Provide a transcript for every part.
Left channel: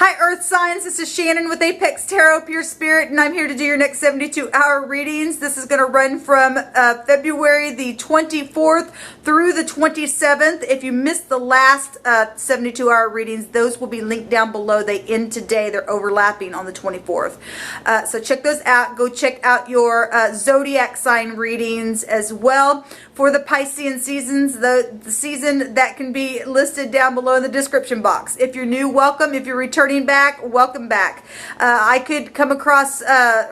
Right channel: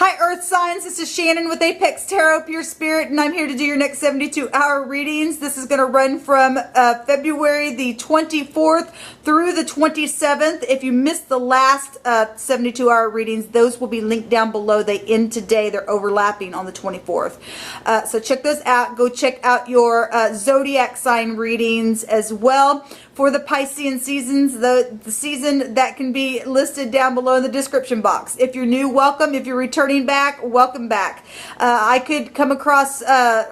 Hi Earth signs, this is Shannon with Apex Tarot Pure Spirit, and I'm here to do your next 72-hour readings. This is going to run from February the 24th through the 27th. If you missed the last 72-hour readings, those will be linked down below. They end today. They're overlapping on the 24th. So check those out. Go check out your zodiac sign readings as well. For the Piscean seasons, the season that can be listed down below in the description box. If you're new, welcome. If you're returning back, welcome back. I could come across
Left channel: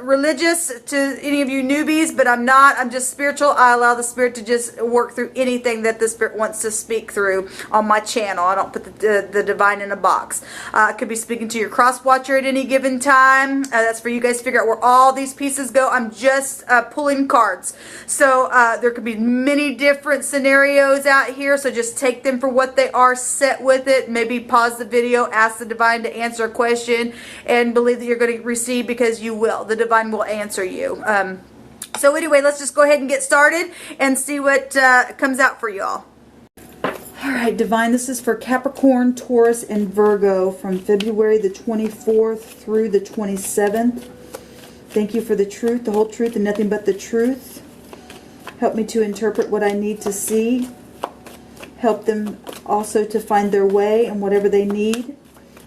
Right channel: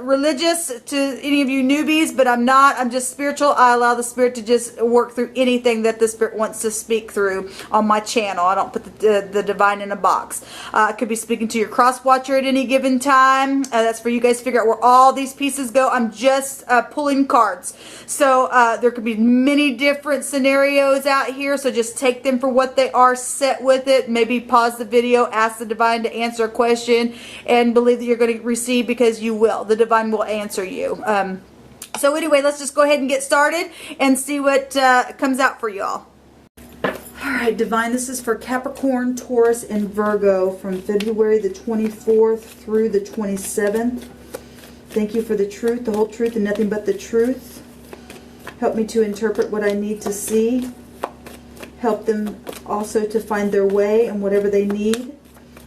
religious to any of you newbies, but I'm not. I'm just spiritual. I allow the Spirit to just work through anything that the Spirit wants to speak through on my channel. I don't put the divine in a box. I could be speaking to your cross watcher at any given time. That's for you guys to figure out where all these pieces go. I'm just pulling cards. So there could be many different scenarios out here, so just take them for what they are, set with it, maybe pause the video, ask the divine to answer a question, and believe that you're going to receive, because you will. The divine will answer you. So anyway, let's just go ahead and get started and see what comes out for y'all. Alright, divine, this is for Capricorn, Taurus, and Virgo from February the 24th through the 27th. Thank you for the truth, the whole truth, and nothing but the truth. Help me to interpret what I need to see. Help them also to find their way and whatever they need.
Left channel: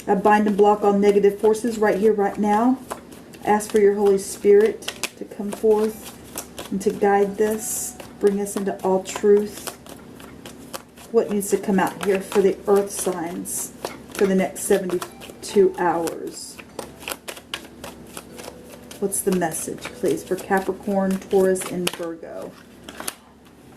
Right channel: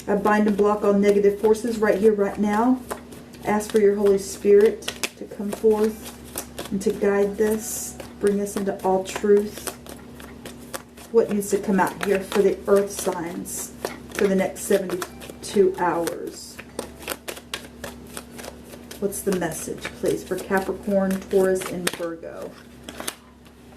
I bind and block all negative forces right here, right now. Ask for your Holy Spirit to come forth and to guide this. Bring us into all truth. What needs to come out here for the earth signs for the next 72 hours? What's the message, please, for Capricorn, Taurus, and Virgo?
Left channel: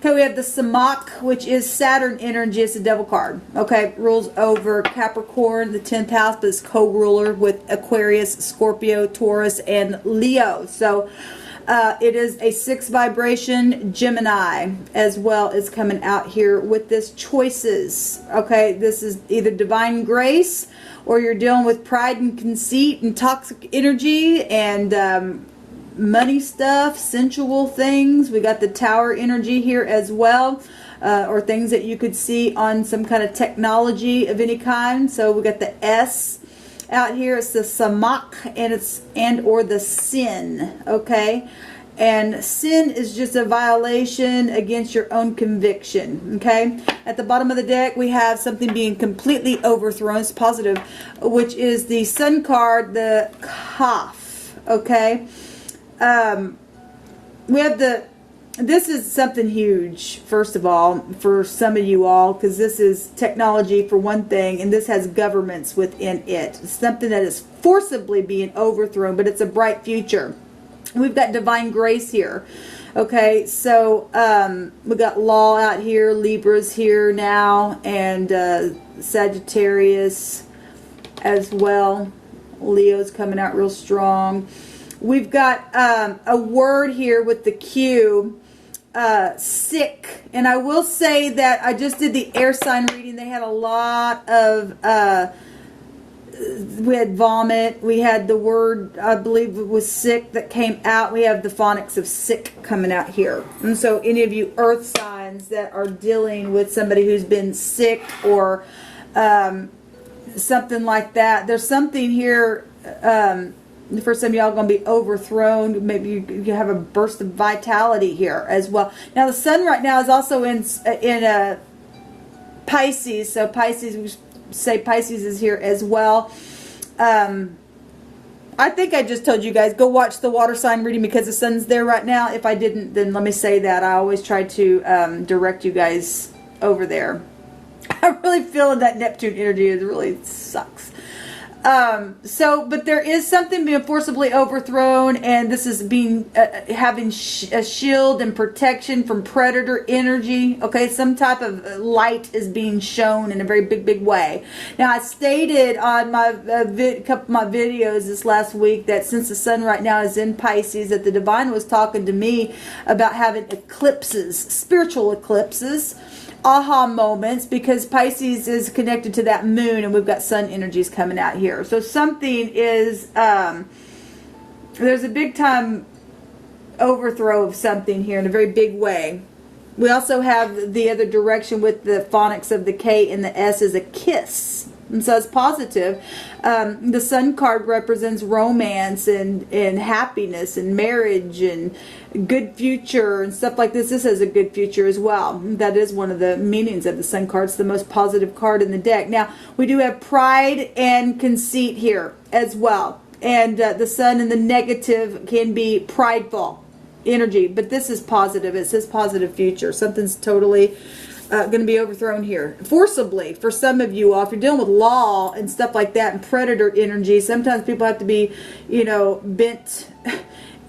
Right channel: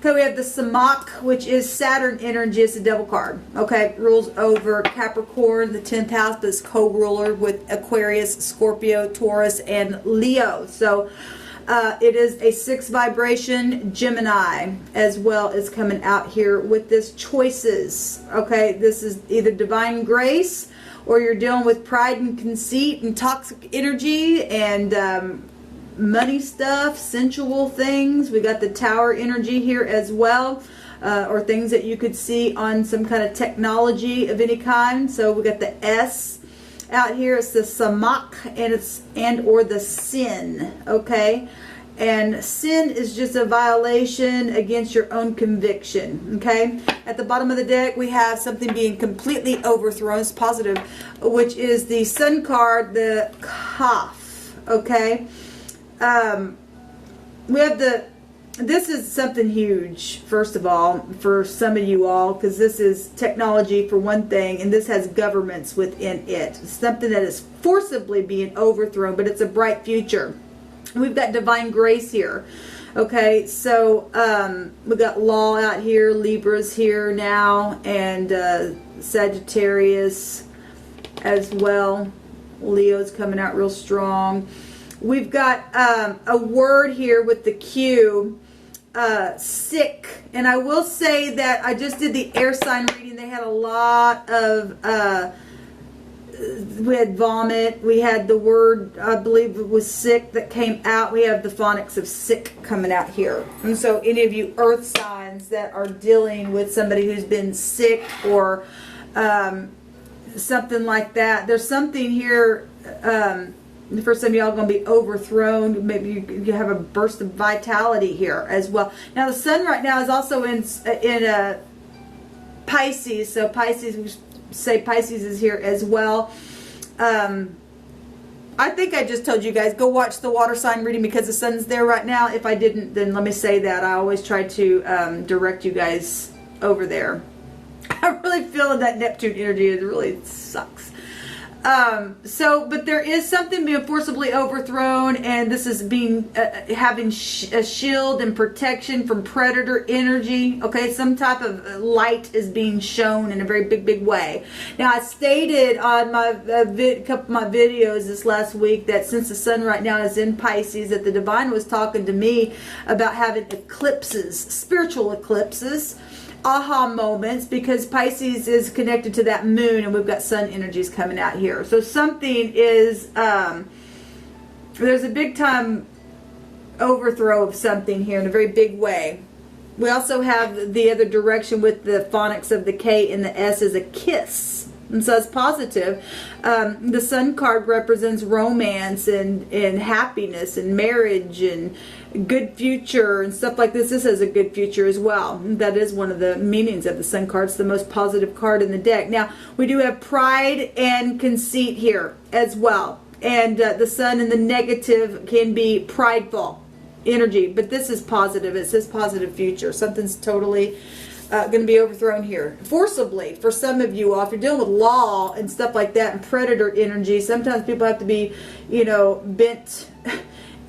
Okay, we have the Samak, which is Saturn energy. It's a devil card. Okay, rules over Capricorn, the 10th house, but it's co-ruler with Aquarius, Scorpio, Taurus, and Leo. So it is a 6 vibration Gemini as well as coming out here with this choices. Okay, this is either divine grace, or you're dealing with pride and conceit and toxic energy and money stuff, sensual things. We got the Tower energy here as well, or things that you could see on some kind of technology of any kind. So we got the S out here. It's the Samak, and or the sin. Okay, and sin is just a violation against your own conviction. Okay, at the bottom of the deck we have something being completely overthrown. It's positive, which is the Sun card, the Kaf. Okay. We have this is something huge, first of all, for some of you all, because this is technology for one thing, and this has governments within it. It's something that is forcibly being overthrown, but it's a bright future. We've got divine grace here. Okay, so we got law out here, Libra's here now, and Sagittarius as well. Leo's coming out real strong. We've got a word here with the Q, sick. And I will say that I just did the air sign reading. They had a lot of, we had vomit. We had the word, I believe it was sick, that came out. We have the phonics of sick coming out here. And so any of you earth signs that are dealing with somebody who's been sick or something like that, there's something here. For some of y'all going to be overthrown. Maybe you have a burst of vitality here as well. Now the sun right now is also in Pisces. So Pisces, we say Pisces is here as well. I think I just told you guys, go watch the water sign reading because the sun's there right now. If I didn't, then let me say that. I always try to direct you guys over there. I really feel that Neptune energy is really sucks. But there is something being forcibly overthrown, and this is being having a shield and protection from predator energy. Okay, some type of light is being shown in a very big way. Now, I stated on my couple of my videos this last week that since the sun right now is in Pisces, that the divine was talking to me about having eclipses, spiritual eclipses. Aha moments, because Pisces is connected to that moon, and we've got sun energies coming out here. So something is there's a big time overthrow of something here in a very big way. We also have the other direction with the phonics of the K and the S is a kiss. And so it's positive. The Sun card represents romance and happiness and marriage and good future and stuff like this. This has a good future as well. That is one of the meanings of the Sun card. It's the most positive card in the deck. Now, we do have pride and conceit here as well. And the Sun in the negative can be prideful energy. But this is positive. It says positive future. Something's totally going to be overthrown here forcibly for some of you all. If you're dealing with law and stuff like that and predator energy, sometimes people have to be, you know, bent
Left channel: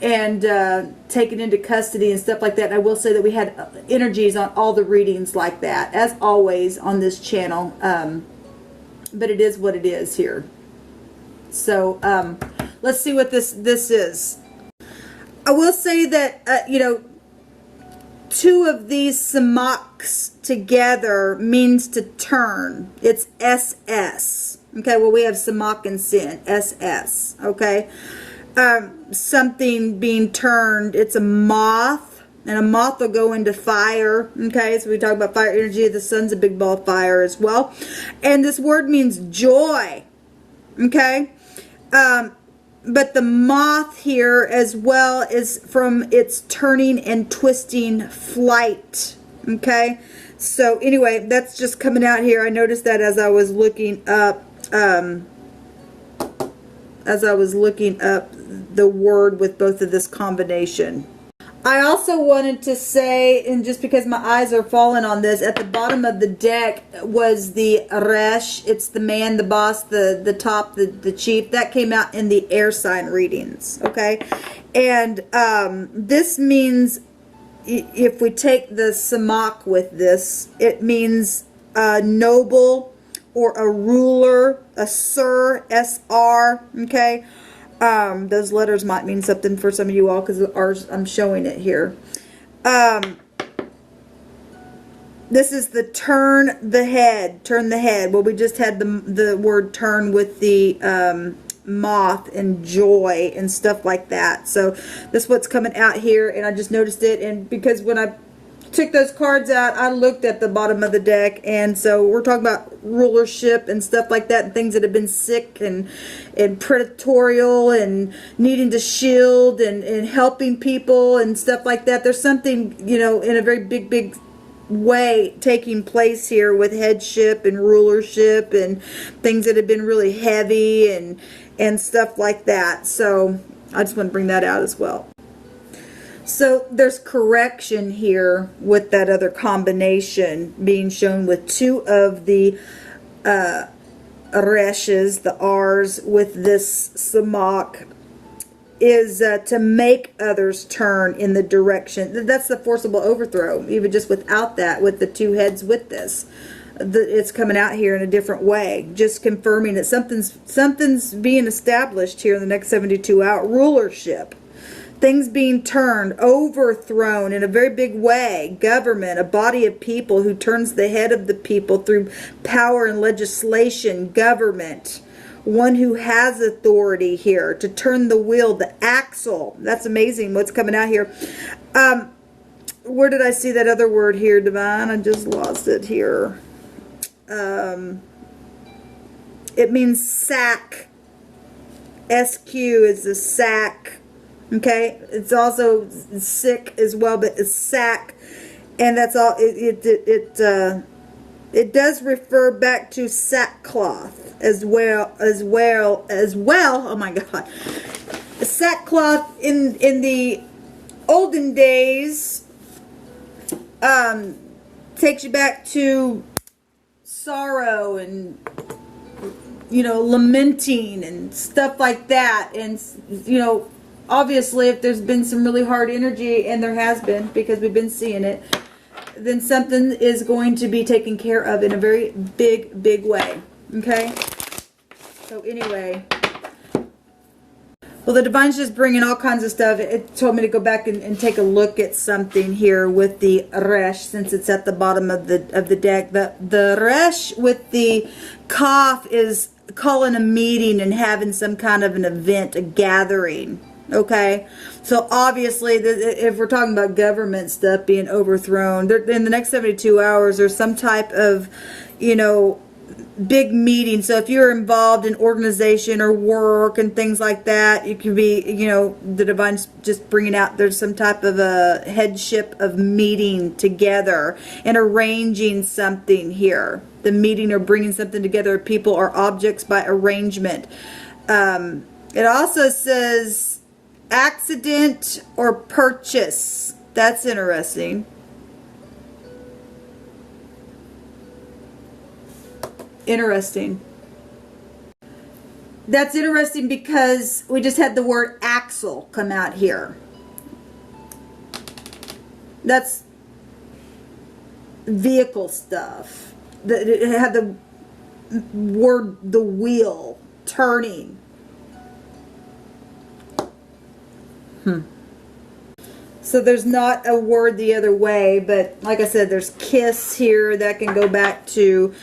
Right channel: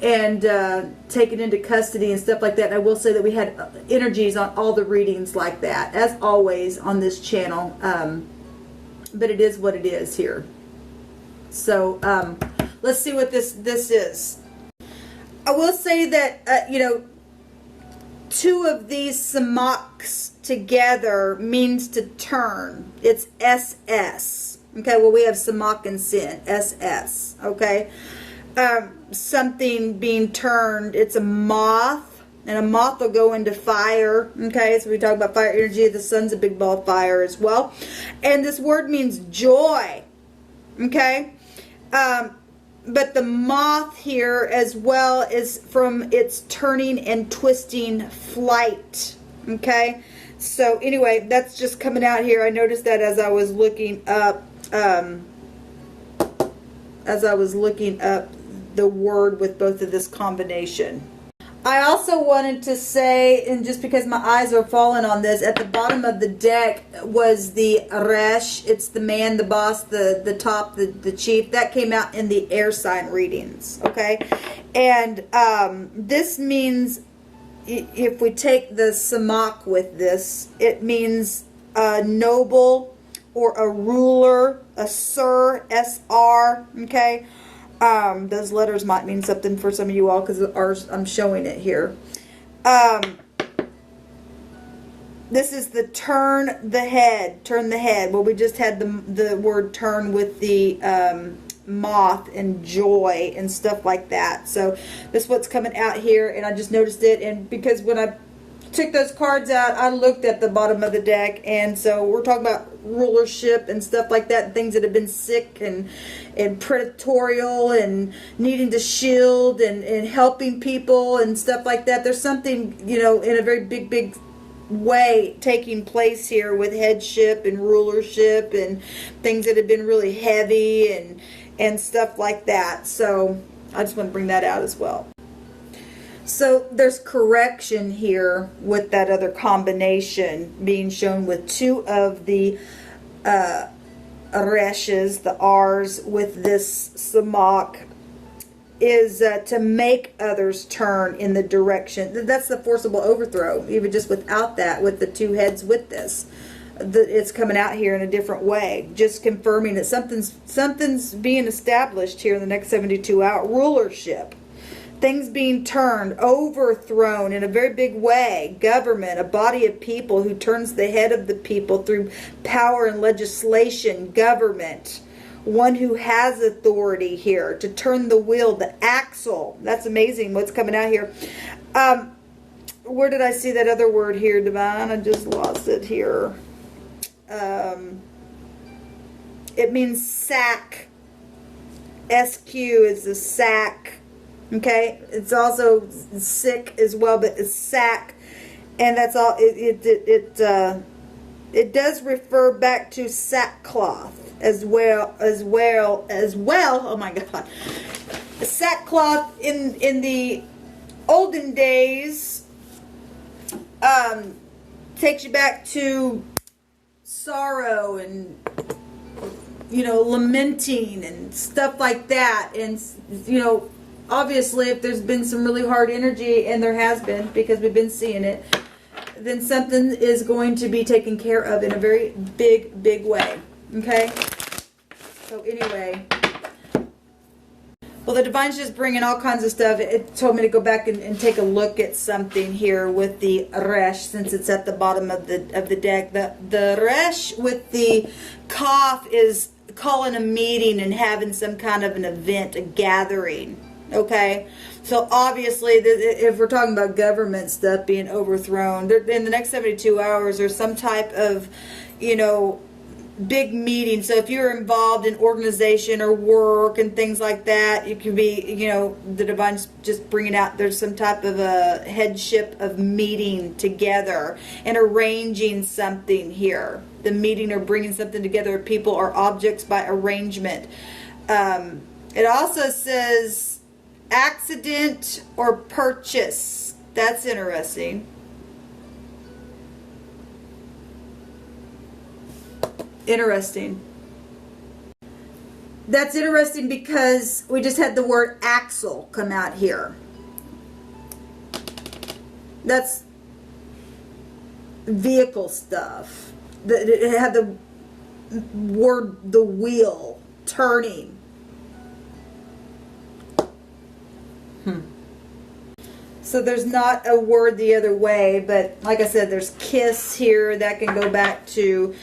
and taken into custody and stuff like that. And I will say that we had energies on all the readings like that, as always on this channel. But it is what it is here. So let's see what this is. I will say that, you know, two of these samaks together means to turn. It's SS. Okay, well, we have samak and sin. SS. Okay. Something being turned. It's a moth. And a moth will go into fire. Okay, so we talk about fire energy. The Sun's a big ball of fire as well. And this word means joy. Okay. But the moth here as well is from its turning and twisting flight. Okay. So anyway, that's just coming out here. I noticed that as I was looking up, the word with both of this combination. I also wanted to say, and just because my eyes are falling on this, at the bottom of the deck was the Resh. It's the man, the boss, the top, the chief. That came out in the air sign readings, okay? And this means, if we take the samak with this, it means a noble or a ruler, a sir, S-R, okay? Those letters might mean something for some of you all because ours, I'm showing it here. This is the turn the head. Well, we just had the word turn with the moth and joy and stuff like that. So that's what's coming out here, and I just noticed it. And because when I took those cards out, I looked at the bottom of the deck, and so we're talking about rulership and stuff like that, and things that have been sick and predatorial and needing to shield and helping people and stuff like that. There's something, you know, in a very big way taking place here with headship and rulership and things that have been really heavy and stuff like that. So I just want to bring that out as well. So there's correction here with that other combination being shown with two of the reshes, the R's with this samak, is to make others turn in the direction. That's the forcible overthrow. Even just without that, with the two heads with this, it's coming out here in a different way. Just confirming that something's being established here in the next 72 hours. Rulership. Things being turned, overthrown in a very big way. Government, a body of people who turns the head of the people through power and legislation. Government, one who has authority here to turn the wheel, the axle. That's amazing what's coming out here. Where did I see that other word here, Divine? I just lost it here. It means sack. SQ is the sack. Okay, it's also sick as well, but it's sack, and that's all. It does refer back to sackcloth as well. Oh my God, sackcloth in the olden days takes you back to sorrow and, you know, lamenting and stuff like that, and, you know, obviously, if there's been some really hard energy, and there has been, because we've been seeing it, then something is going to be taken care of in a very big way. Okay? So anyway, well, the Divine's just bringing all kinds of stuff. It told me to go back and take a look at something here with the Resh, since it's at the bottom of the deck. The Resh with the Kaf is calling a meeting and having some kind of an event, a gathering. Okay, so obviously, if we're talking about government stuff being overthrown, in the next 72 hours, there's some type of, you know, big meeting. So if you're involved in organization or work and things like that, it could be, you know, the divine's just bringing out, there's some type of a headship of meeting together and arranging something here. The meeting or bringing something together of people or objects by arrangement. It also says accident or purchase. That's interesting. Interesting. That's interesting because we just had the word axle come out here. That's vehicle stuff. It had the word the wheel turning. So there's not a word the other way, but like I said, there's kiss here that can go back to,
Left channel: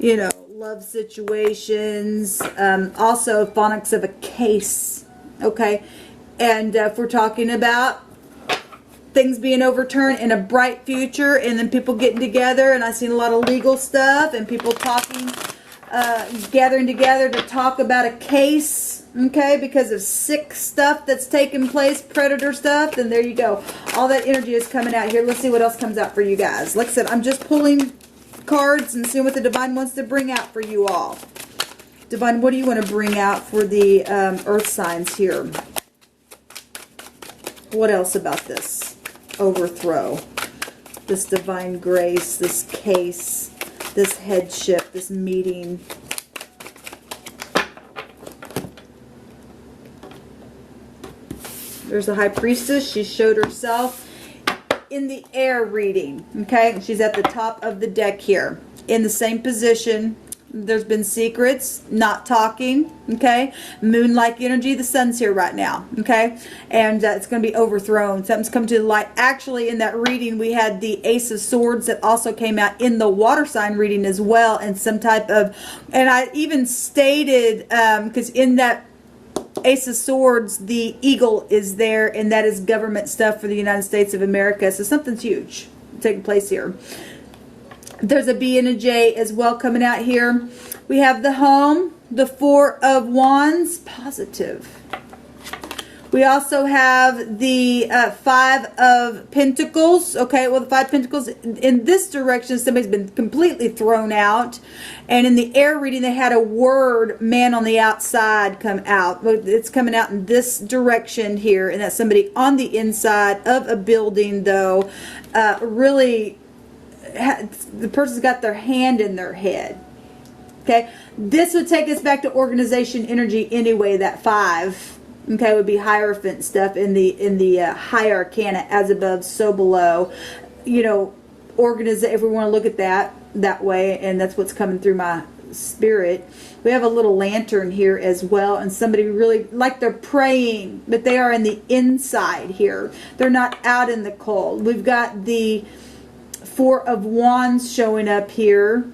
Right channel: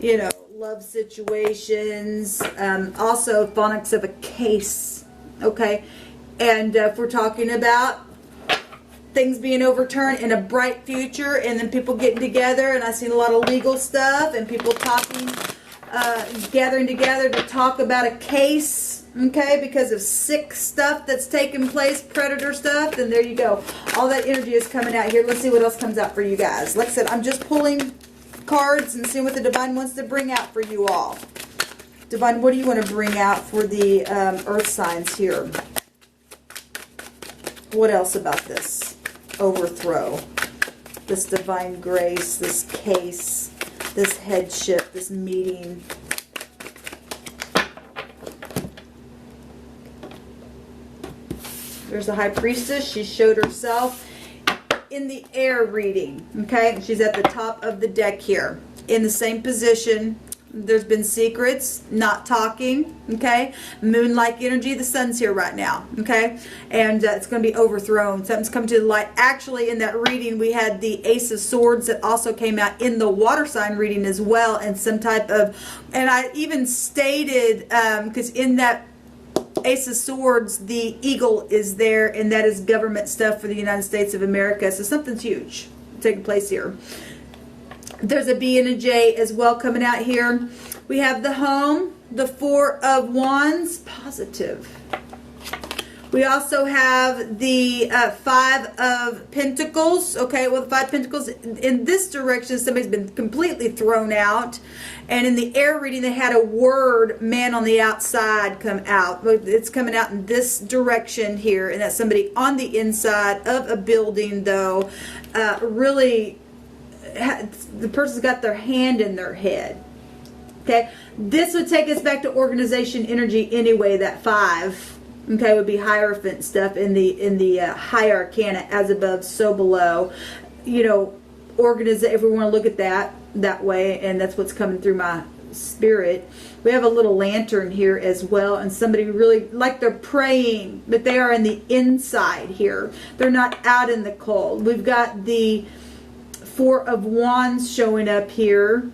you know, love situations. Also phonics of a case. Okay. And if we're talking about things being overturned in a bright future, and then people getting together, and I've seen a lot of legal stuff and people talking, gathering together to talk about a case, okay, because of sick stuff that's taking place, predator stuff, then there you go. All that energy is coming out here. Let's see what else comes out for you guys. Like I said, I'm just pulling cards and seeing what the divine wants to bring out for you all. Divine, what do you want to bring out for the earth signs here? What else about this overthrow, this divine grace, this case, this headship, this meeting? There's the high priestess. She showed herself in the air reading. Okay, she's at the top of the deck here in the same position. There's been secrets, not talking. Okay, moon-like energy. The sun's here right now. Okay, and it's going to be overthrown. Something's come to the light. Actually, in that reading, we had the Ace of Swords that also came out in the water sign reading as well, and some type of, and I even stated, because in that Ace of Swords, the eagle is there, and that is government stuff for the United States of America. So something's huge taking place here. There's a B and a J as well coming out here. We have the home, the Four of Wands, positive. We also have the Five of Pentacles. Okay, well, the Five of Pentacles in this direction, somebody's been completely thrown out. And in the air reading, they had a word, man on the outside, come out. It's coming out in this direction here. And that's somebody on the inside of a building, though. Really, the person's got their hand in their head. Okay, this would take us back to organization energy anyway, that 5. Okay, would be Hierophant stuff in the high arcana, as above, so below. You know, if we want to look at that way, and that's what's coming through my spirit. We have a little lantern here as well, and somebody really, like they're praying, but they are in the inside here. They're not out in the cold. We've got the Four of Wands showing up here.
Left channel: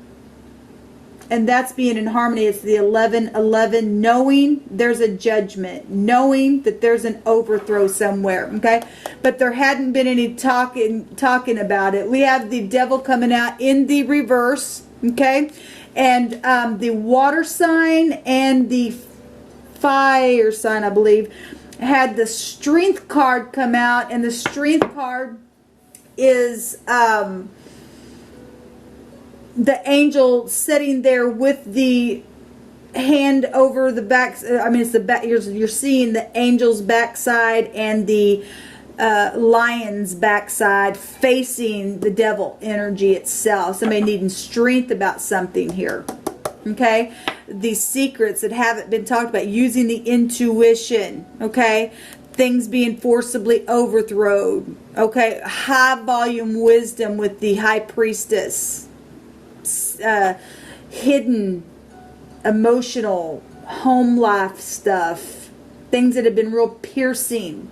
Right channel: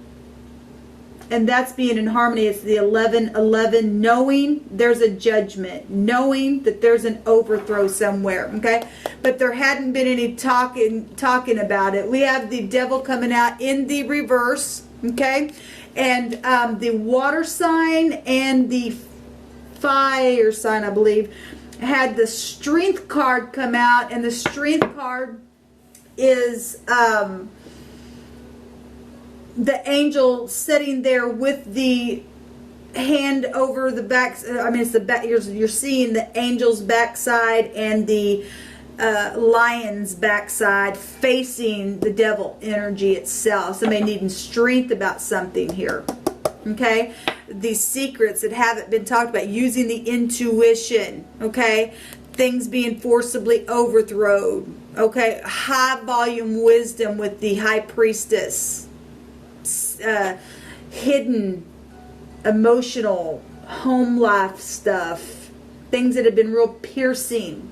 And that's being in harmony. It's the 11-11, knowing there's a judgment, knowing that there's an overthrow somewhere, okay? But there hadn't been any talking about it. We have the Devil coming out in the reverse, okay? And the water sign and the fire sign, I believe, had the Strength card come out, and the Strength card is the angel sitting there with the hand over the back. I mean, it's the back. You're seeing the angel's backside and the lion's backside facing the devil energy itself. Somebody needing strength about something here. Okay, these secrets that haven't been talked about, using the intuition. Okay, things being forcibly overthrown. Okay, high volume wisdom with the high priestess. Hidden emotional home life stuff, things that have been real piercing,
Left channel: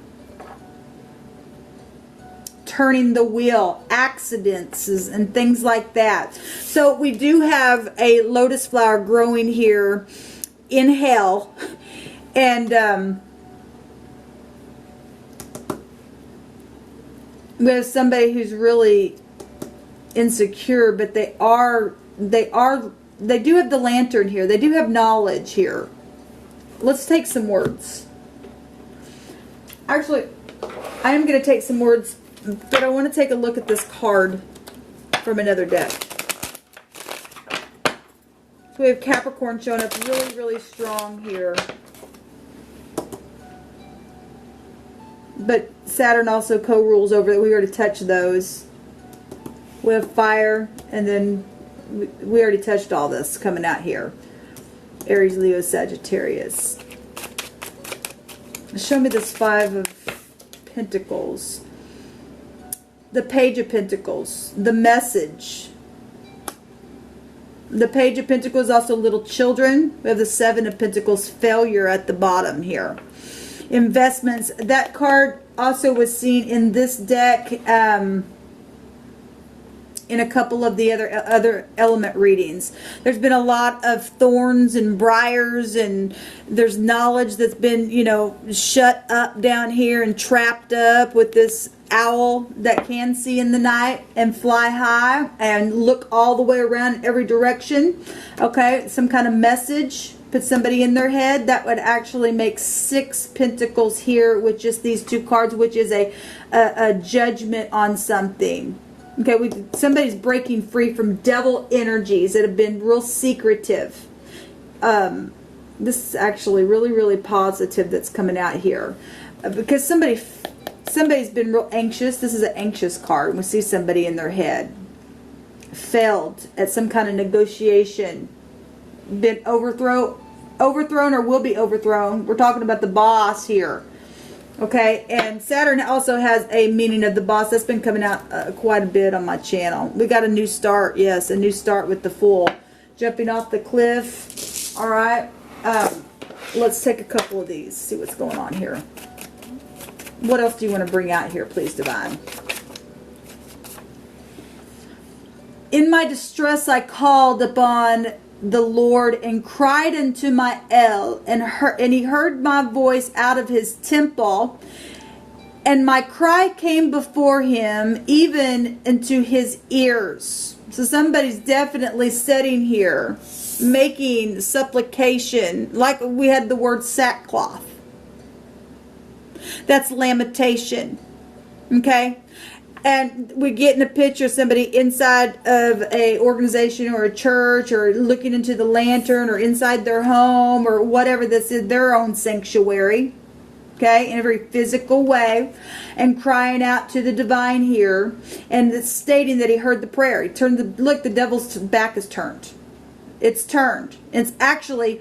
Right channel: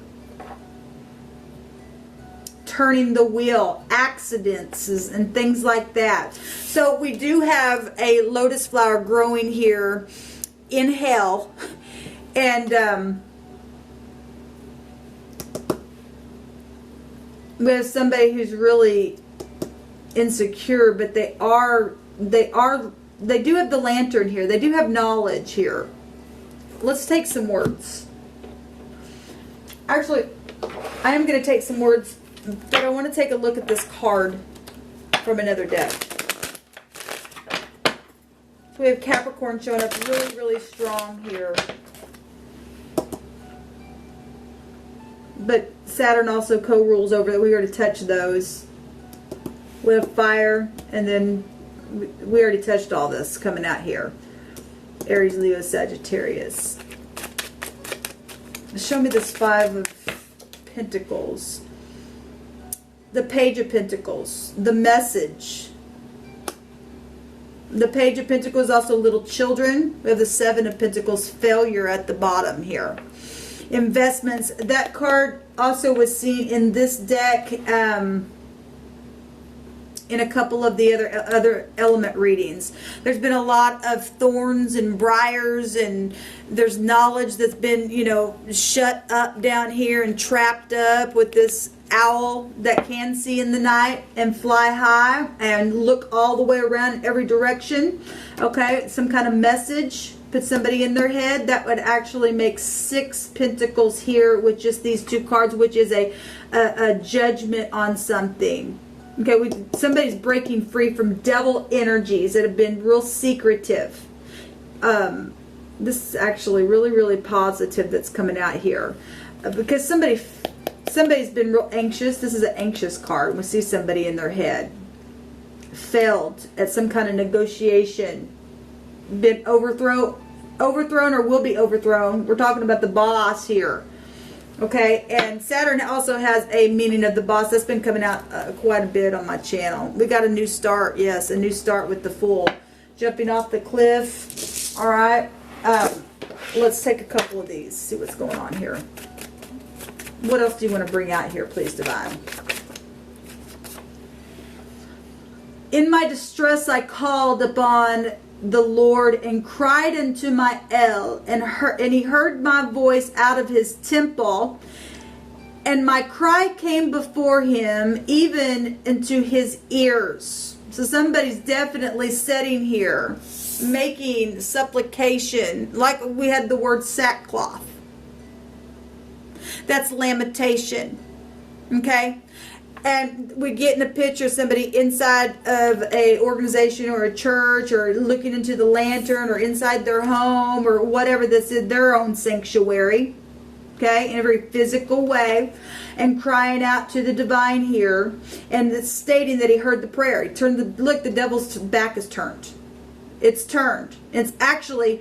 turning the wheel, accidents and things like that. So we do have a lotus flower growing here in hell, and there's somebody who's really insecure, but they are they do have the lantern here. They do have knowledge here. Let's take some words. Actually, I am going to take some words, but I want to take a look at this card from another deck. So we have Capricorn showing up really, really strong here. But Saturn also co-rules over it. We already touched those. We have fire, and then we already touched all this coming out here. Aries, Leo, Sagittarius. Show me this Five of Pentacles. The Page of Pentacles. The message. The Page of Pentacles, also little children. We have the Seven of Pentacles, failure at the bottom here. Investments. That card also was seen in this deck, in a couple of the other element readings. There's been a lot of thorns and briars, and there's knowledge that's been, you know, shut up down here and trapped up with this owl that can see in the night and fly high and look all the way around every direction. Okay, some kind of message. Put somebody in their head. That would actually make 6 pentacles here with just these 2 cards, which is a judgment on something. Okay, somebody's breaking free from devil energies that have been real secretive. This is actually really, really positive that's coming out here. Because somebody's been real anxious. This is an anxious card. We see somebody in their head. Failed at some kind of negotiation. Been overthrown or will be overthrown. We're talking about the boss here. Okay, and Saturn also has a meaning of the boss. That's been coming out quite a bit on my channel. We got a new start. Yes, a new start with the Fool. Jumping off the cliff. All right. Let's take a couple of these. See what's going on here. What else do you want to bring out here, please, Divine? In my distress, I called upon the Lord and cried unto my El, and he heard my voice out of his temple, and my cry came before him, even into his ears. So somebody's definitely sitting here making supplication, like we had the word sackcloth. That's lamentation. Okay? And we're getting a picture of somebody inside of a organization or a church, or looking into the lantern, or inside their home, or whatever this is, their own sanctuary. Okay, in a very physical way, and crying out to the divine here, and it's stating that he heard the prayer. He turned look, the devil's back is turned. It's turned. It's actually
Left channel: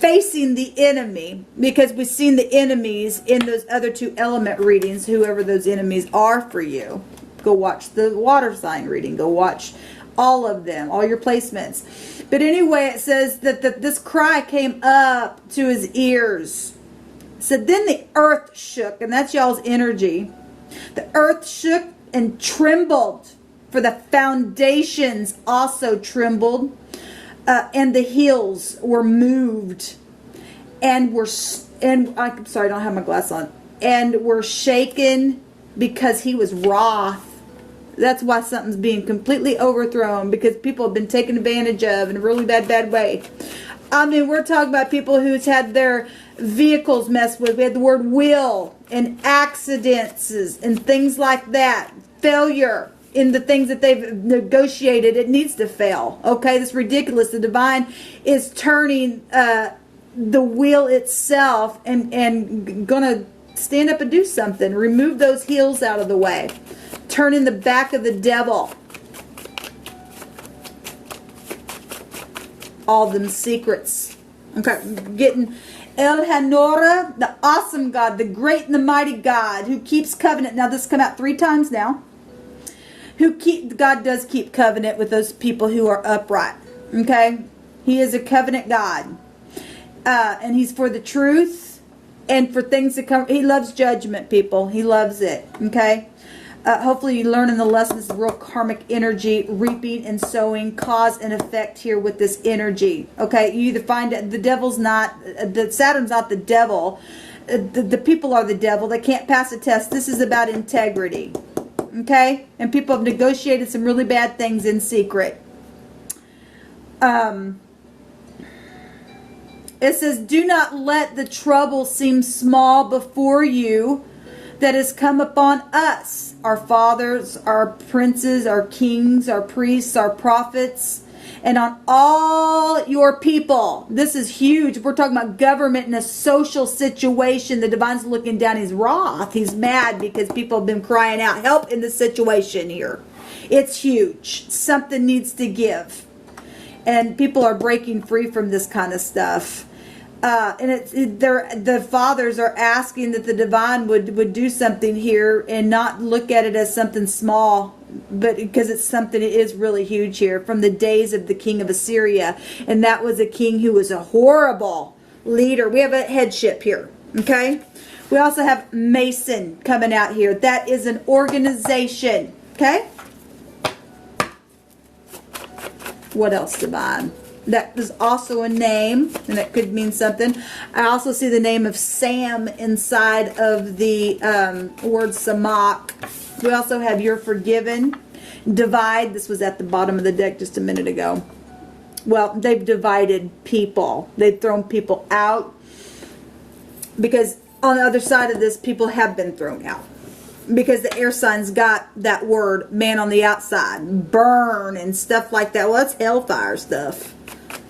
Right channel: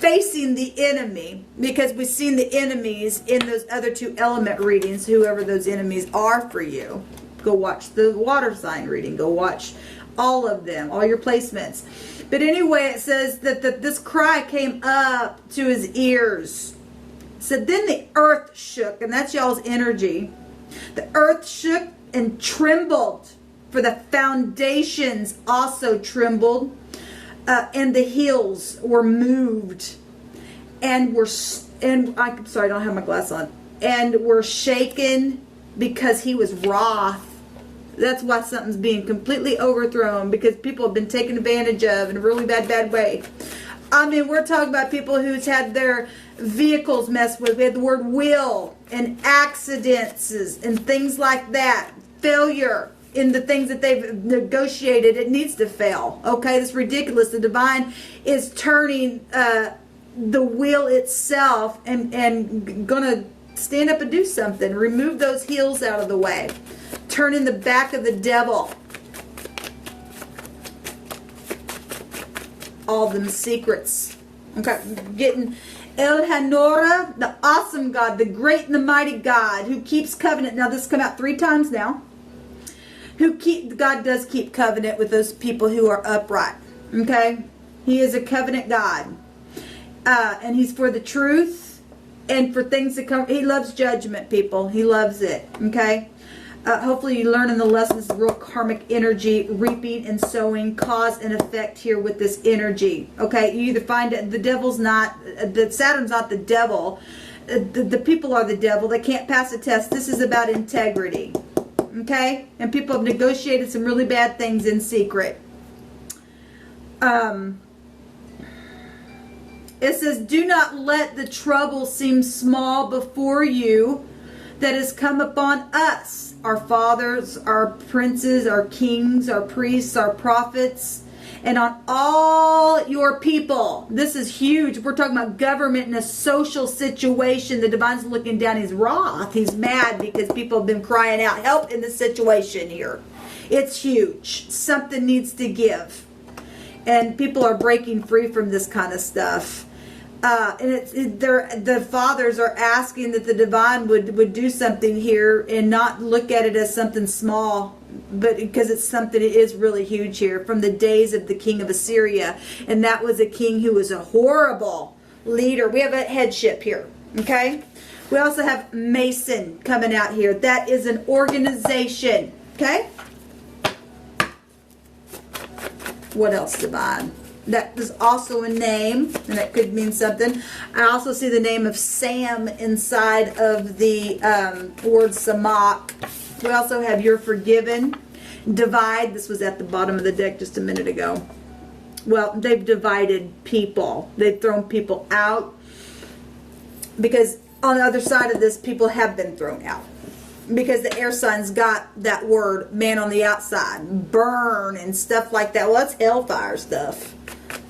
facing the enemy, because we've seen the enemies in those other 2 element readings, whoever those enemies are for you. Go watch the water sign reading. Go watch all of them, all your placements. But anyway, it says that this cry came up to his ears. So then the earth shook, and that's y'all's energy. The earth shook and trembled, for the foundations also trembled. And the hills were moved, and I'm sorry, I don't have my glass on, and were shaken, because he was wroth. That's why something's being completely overthrown, because people have been taken advantage of in a really bad way. I mean, we're talking about people who's had their vehicles messed with. We had the word will, and accidents and things like that. Failure in the things that they've negotiated. It needs to fail. Okay, that's ridiculous. The divine is turning the wheel itself, and gonna stand up and do something. Remove those heels out of the way. Turning the back of the devil. All them secrets. Okay, getting El Hanora, the awesome God, the great and the mighty God, who keeps covenant. Now this has come out 3 times now. God does keep covenant with those people who are upright. Okay? He is a covenant God. And he's for the truth and for things to come. He loves judgment, people. He loves it. Okay? Hopefully you learn in the lessons of real karmic energy, reaping and sowing, cause and effect here with this energy. Okay? You either find the devil's not, Saturn's not the devil. The people are the devil. They can't pass a test. This is about integrity. Okay? And people have negotiated some really bad things in secret. It says, do not let the trouble seem small before you that has come upon us, our fathers, our princes, our kings, our priests, our prophets, and on all your people. This is huge. We're talking about government in a social situation. The divine's looking down. He's wroth. He's mad because people have been crying out help in the situation here. It's huge. Something needs to give. And people are breaking free from this kind of stuff. The fathers are asking that the divine would do something here and not look at it as something small, but because it's something, it is really huge here, from the days of the king of Assyria. And that was a king who was a horrible leader. We have a headship here, okay? We also have Mason coming out here. That is an organization, okay? What else, divine? That is also a name, and that could mean something. I also see the name of Sam inside of the word Samak. We also have You're Forgiven. Divide. This was at the bottom of the deck just a minute ago. Well, they've divided people. They've thrown people out. Because on the other side of this, people have been thrown out. Because the air signs got that word, man on the outside, burn and stuff like that. Well, that's hellfire stuff.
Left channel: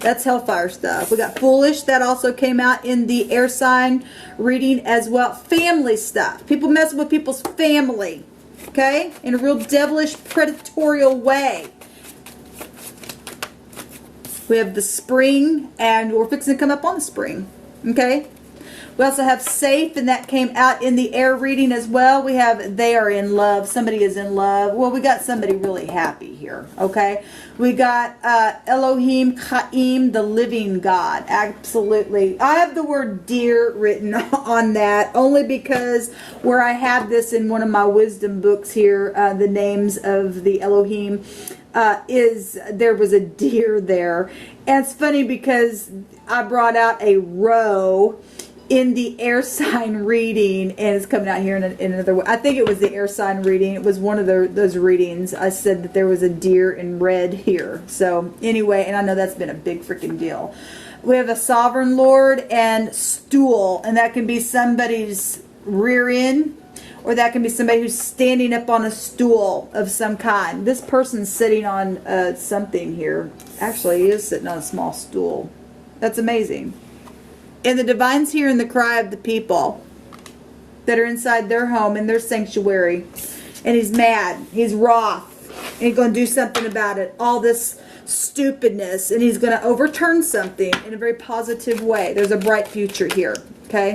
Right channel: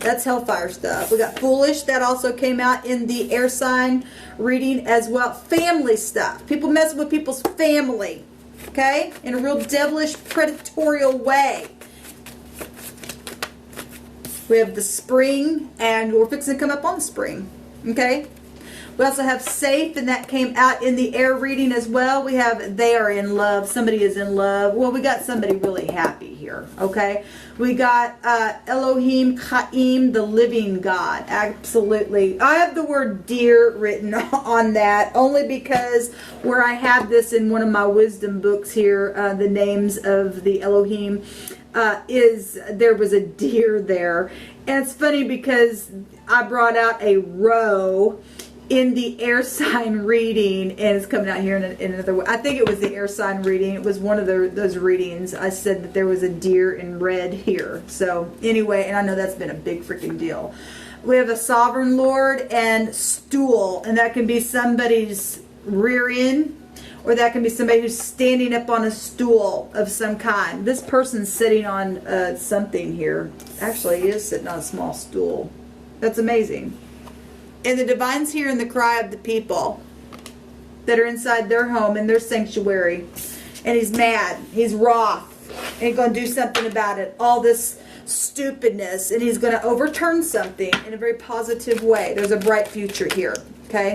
That's hellfire stuff. We got foolish. That also came out in the air sign reading as well. Family stuff. People messing with people's family. Okay? In a real devilish, predatorial way. We have the spring, and we're fixing to come up on spring. Okay? We also have safe, and that came out in the air reading as well. We have they are in love. Somebody is in love. Well, we got somebody really happy here, okay? We got Elohim Chaim, the living God. Absolutely. I have the word deer written on that only because where I have this in one of my wisdom books here, the names of the Elohim, there was a deer there. And it's funny because I brought out a roe in the air sign reading, and it's coming out here in another way. I think it was the air sign reading. It was one of those readings. I said that there was a deer in red here. So anyway, and I know that's been a big freaking deal. We have a sovereign lord and stool, and that can be somebody's rear end, or that can be somebody who's standing up on a stool of some kind. This person's sitting on something here. Actually, he is sitting on a small stool. That's amazing. And the divine's hearing the cry of the people that are inside their home, in their sanctuary. And he's mad. He's wroth. And he's going to do something about it. All this stupidness. And he's going to overturn something in a very positive way. There's a bright future here. Okay?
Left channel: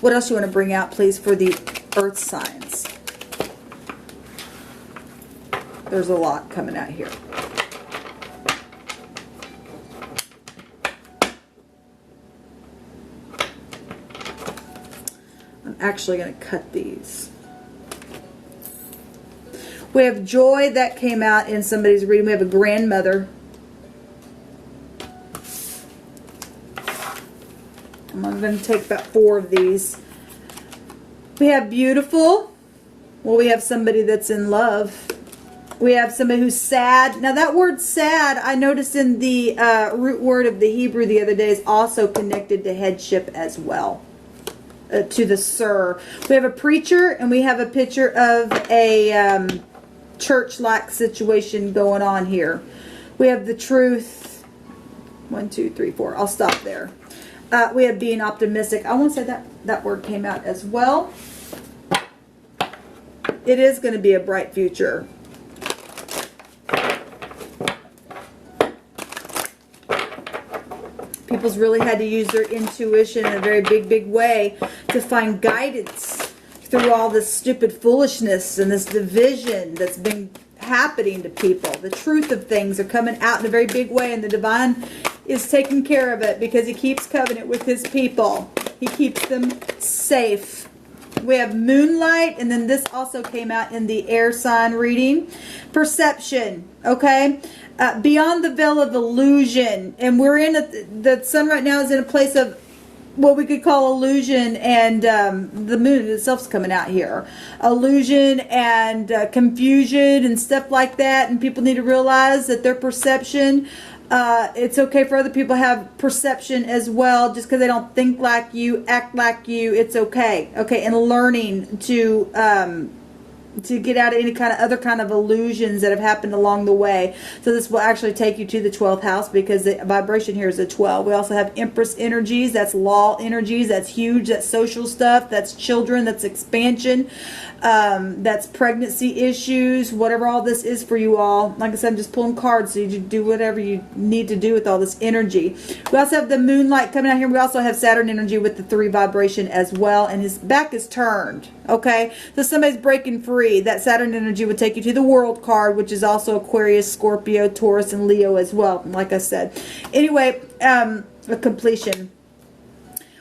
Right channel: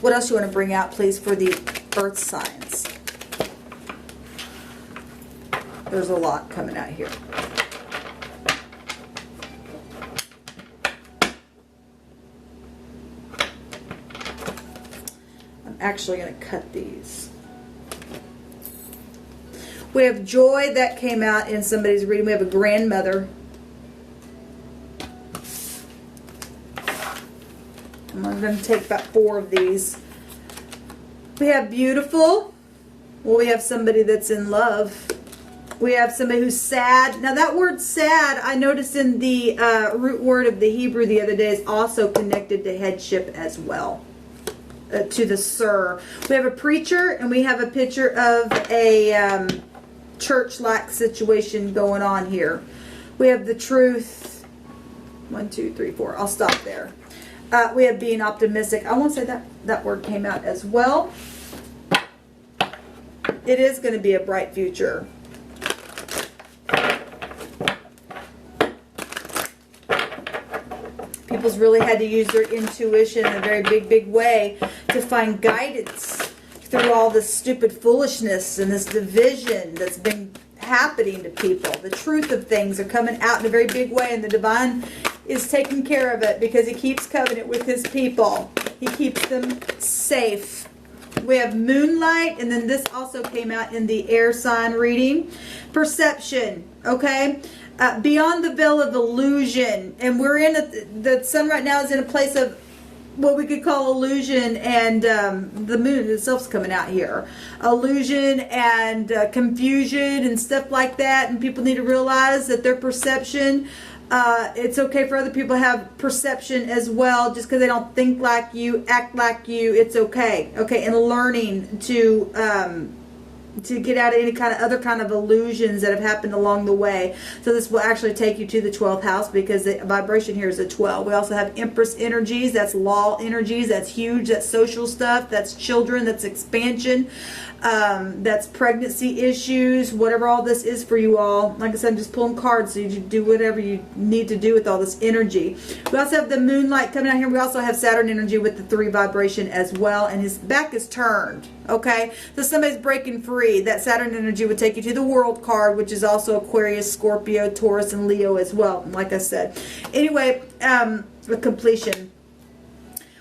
What else you want to bring out, please, for the earth signs? There's a lot coming out here. Actually going to cut these. We have joy, that came out in somebody's reading. We have a grandmother. I'm going to take about 4 of these. We have beautiful. Well, we have somebody that's in love. We have somebody who's sad. Now that word sad, I noticed in the root word of the Hebrew the other day, is also connected to headship as well. To the sir. We have a preacher, and we have a picture of a church-like situation going on here. We have the truth. 1, 2, 3, 4. I'll stop there. We have being optimistic. I want to say that word came out as well. It is going to be a bright future. People's really had to use their intuition in a very big way to find guidance through all this stupid foolishness and this division that's been happening to people. The truth of things are coming out in a very big way, and the divine is taking care of it because he keeps covenant with his people. He keeps them safe. We have moonlight, and then this also came out in the air sign reading. Perception, okay? Beyond the veil of illusion, and we're in the sun right now is in a place of what we could call illusion, and the moon itself's coming out here. Illusion and confusion and stuff like that, and people need to realize that their perception, it's okay for other people to have perception as well, just because they don't think like you, act like you, it's okay. Okay, and learning to get out of any kind of other kind of illusions that have happened along the way. So this will actually take you to the 12th house, because the vibration here is a 12. We also have Empress energies. That's law energies. That's huge. That's social stuff. That's children. That's expansion. That's pregnancy issues. Whatever all this is for you all. Like I said, I'm just pulling cards so you do whatever you need to do with all this energy. We also have the moonlight coming out here. We also have Saturn energy with the 3 vibration as well. And his back is turned. Okay, so somebody's breaking free. That Saturn energy would take you to the World card, which is also Aquarius, Scorpio, Taurus, and Leo as well, like I said. Anyway, a completion.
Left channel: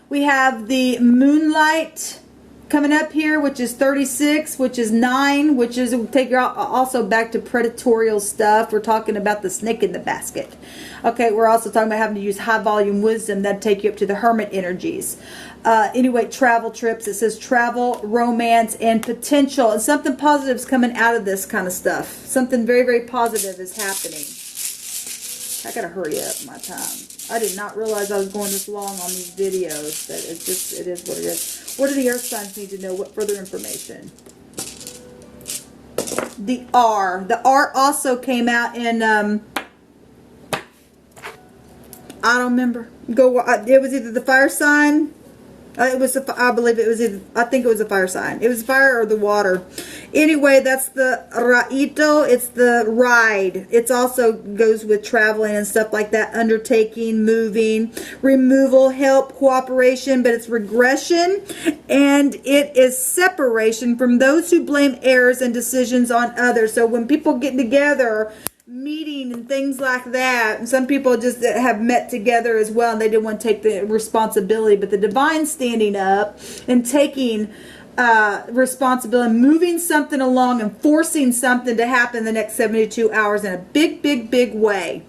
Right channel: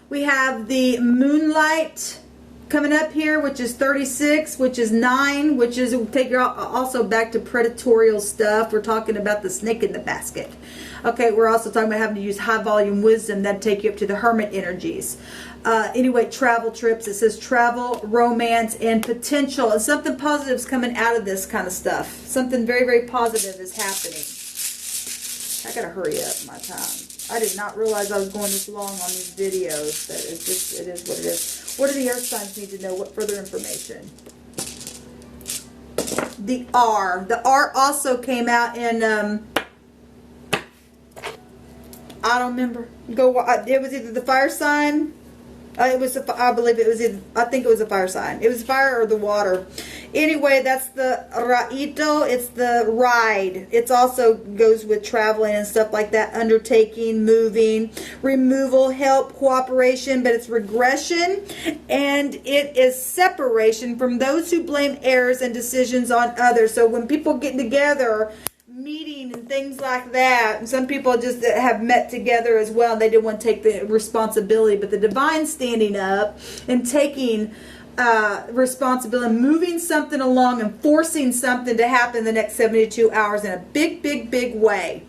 We have the moonlight coming up here, which is 36, which is 9, which is take you also back to predatorial stuff. We're talking about the snake in the basket. Okay, we're also talking about having to use high volume wisdom. That'd take you up to the hermit energies. Anyway, travel trips. It says travel, romance, and potential. And something positive is coming out of this kind of stuff. Something very, very positive is happening. I gotta hurry up my time. I did not realize I was going this long on these videos, but it's just, it is what it is. What do the earth signs need to know? What further information? The R. The R also came out in, I don't remember. It was either the fire sign. I believe it was either, I think it was a fire sign. It was fire or the water. Anyway, that's the Raito. It's the ride. It also goes with traveling and stuff like that. Undertaking, moving, removal, help, cooperation, but it's regression. And it is separation from those who blame errors and decisions on others. So when people get together, meeting and things like that, and some people just have met together as well, and they didn't want to take the responsibility, but the divine standing up and taking responsibility, moving something along and forcing something to happen the next 72 hours in a big, big, big way.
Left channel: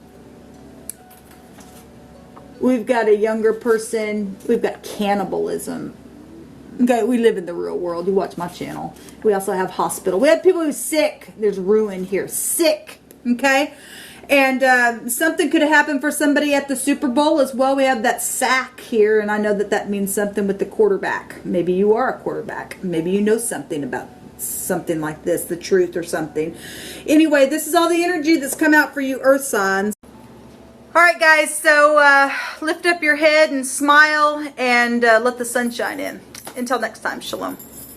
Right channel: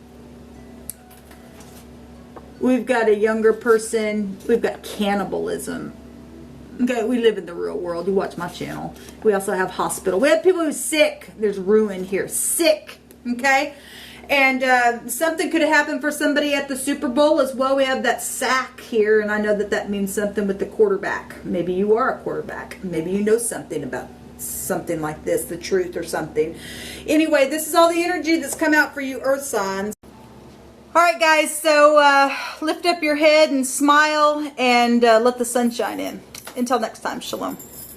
We've got a younger person. We've got cannibalism. Okay, we live in the real world. You watch my channel. We also have hospital. We have people who are sick. There's ruin here. Sick. Okay, and something could have happened for somebody at the Super Bowl as well. We have that sack here, and I know that that means something with the quarterback. Maybe you are a quarterback. Maybe you know something about something like this, the truth or something. Anyway, this is all the energy that's come out for you earth signs. All right, guys, so lift up your head and smile and let the sun shine in. Until next time, shalom.